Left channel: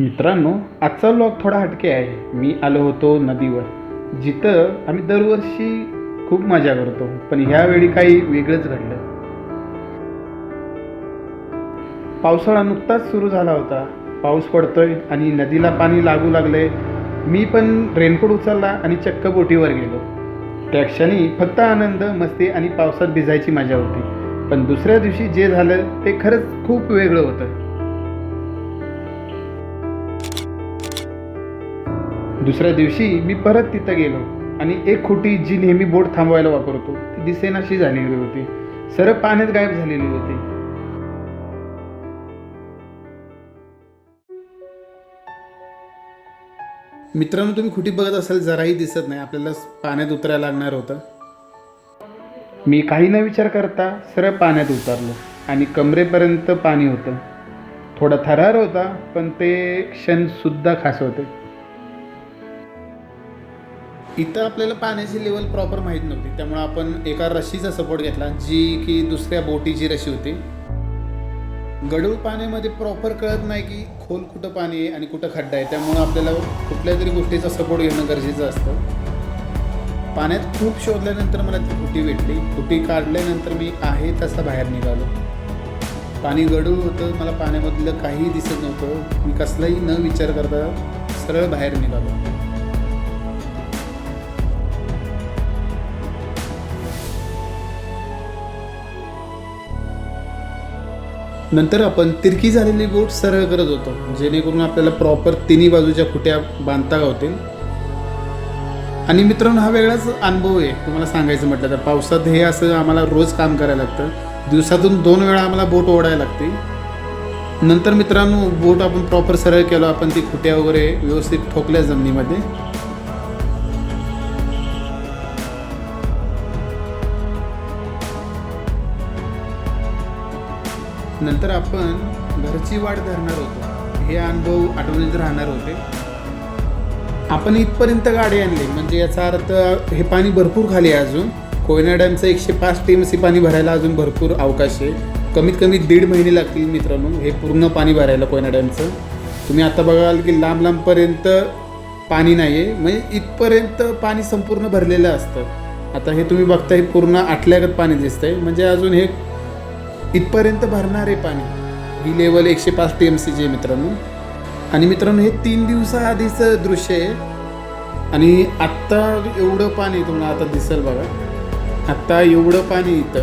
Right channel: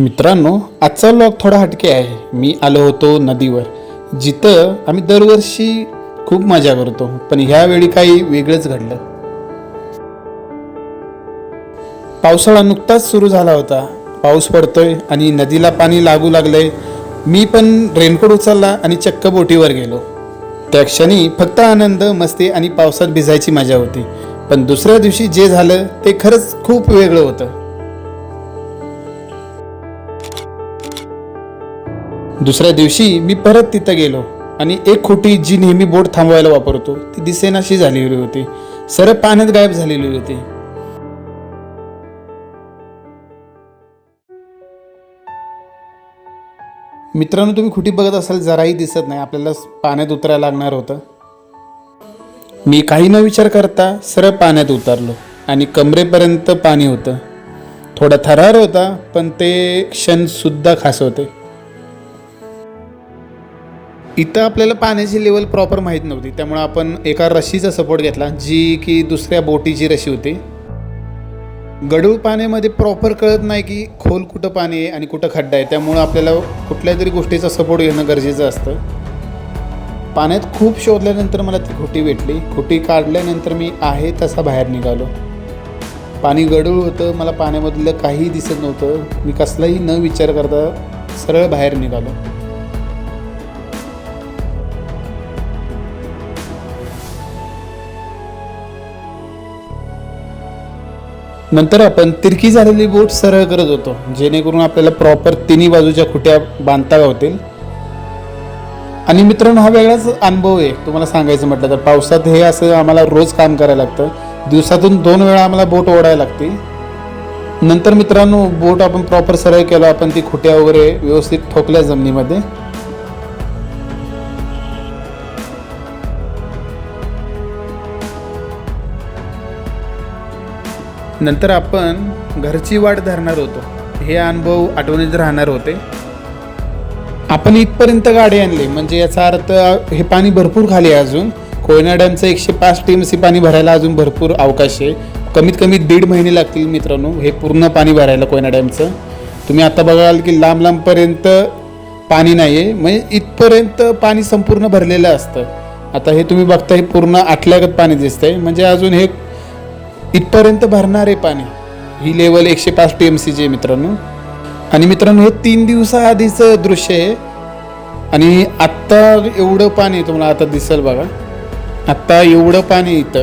मित्रांनो आजचा व्लॉग थोडा हटके आहे. मी आलो होतो नदीवर जिथं आम्ही दरवर्षी खूप मजा करतो पण ह्यावेळी काही वेगळंच घडलं. पावसाळा नुकताच सुरू झाला होता. पाऊस पडतोय आणि नदीला पाणी लागू लागलंय. मी पण रेनकोट उचलला आणि चक्क बोटीवर गेलो. त्या क्षणी फक्त आनंद मस्ती आणि पावसात भिजायची मजा होती. पण दुसऱ्या दिवशी जे झालं ते खरंच खूप वेगळं होतं. दुसऱ्या दिवशी मी परत तिथं गेलो आणि एक खोटी जी नेहमी बोट थांबवायला वापरतो ती दिसेनाशी झालेली होती. सरळ पाण्यात गायब झालेली होती. मित्रांनो तुम्ही खुटी बघत असाल जराही दिसत नाही. आपल्याला पाण्यात उतरायला लागणार होतं. मी काही न विचार करता सरळ पाण्यात उतरलो आणि कमरेपर्यंत पाणी होतं. थोडा थरार होता पण ते क्षण सुद्धा खास होते. इथं आपल्याला पाण्याची लेवल प्रॉपर माहीत नव्हती. त्यामुळे आपण एका रशीचा सपोर्ट घेतला जी की दुसऱ्या बोटीची रशी होती. गडूळ पाण्यामध्ये प्रॉपर कळत नाही की खोल कुठं पाणी आहे आणि कुठं खड्डा आहे. त्यामुळं आपल्याला कुठल्या तरी गोष्टीचा सपोर्ट घेणं गरजेचं असतं. पाण्यात खूप शोधल्यानंतर मला ती खुटी भेटली. खुटी काढल्यानंतर मी आहे तसा बाहेर निघालो. पाणी गडूळ होतं मला पाण्यामधलं काहीही दिसत नव्हतं. मी कसलाही न विचार करता सरळ बाहेर निघालो. नंतर आपण तिरकी झालेली बोट सरळ करत होतो जेणेकरून आपल्याला प्रॉपर तिन्ही बाजूच्या खुट्या बांधता होतील. आणि मित्रांनो हा वेगळाच अनुभव आहे. तुम्हाला सांगायचं म्हटलं तर पावसात हे असं आम्हाला रोज काम करायला लागतं. दिवसातून दोन वेळा आम्हाला बोट ओढायला लागते नंतर मित्रांनो बोट आपण प्रॉपर सरळ केलो आपण ती खुट्या वगैरे व्यवस्थित ठोकल्या जमिनीमध्ये. नंतर आपण घरची वाट धरणार होतो. हे अनुभव आठवणीत राहणार होते. आपण इथपर्यंत गाडी आणली. म्हणजे याचा अर्थ हे पाणी भरपूर खाली आहे अजून. कोयना डॅमचं एकशे पाच टीएमसी पाणी भरायला अजून भरपूर अवकाश आहे. कमीत कमी दीड महिने लागतील मित्रांनो. हे पूर्ण पाणी भरायला कोयना डॅमचं तुम्ही आता बघाल की लांब लांबपर्यंत पाणी नाही आहे म्हणजे इथपर्यंत पाणी संपूर्ण भरलेलं असतं. आता हे तुम्ही बघता हे पूर्ण आटल्यागत पाणी दिसतंय. म्हणजे अजून हे इथपर्यंत भरणार आहे पाणी. ही लेवल एकशे पाच टी एम सीची आहे मित्रांनो. आणि मित्रांनो हे तीन दिवसाआधीचं दृश्य आहे. आणि आत्ता एवढं पाणी तुम्हाला आता दिसेल बघा. आत्ता एवढं पाणी इथं.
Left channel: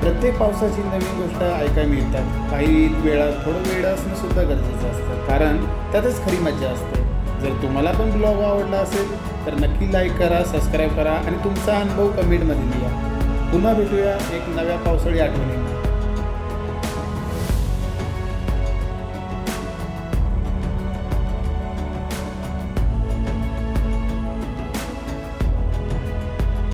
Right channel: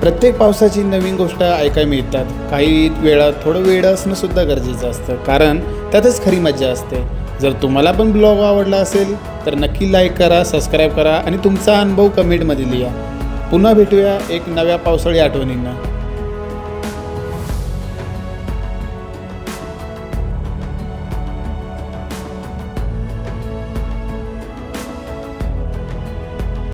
प्रत्येक पावसाची नवीन गोष्ट ऐकायला मिळतात. काही वेळा थोडं वेळ असणं सुद्धा गरजेचं असतं. कारण त्यातच खरी मजा असते. जर तुम्हाला पण ब्लॉग आवडला असेल तर नक्की लाईक करा सबस्क्राईब करा आणि तुमचा अनुभव कमेंटमध्ये लिहा. पुन्हा भेटूया एक नव्या पावसाळी आठवणींना.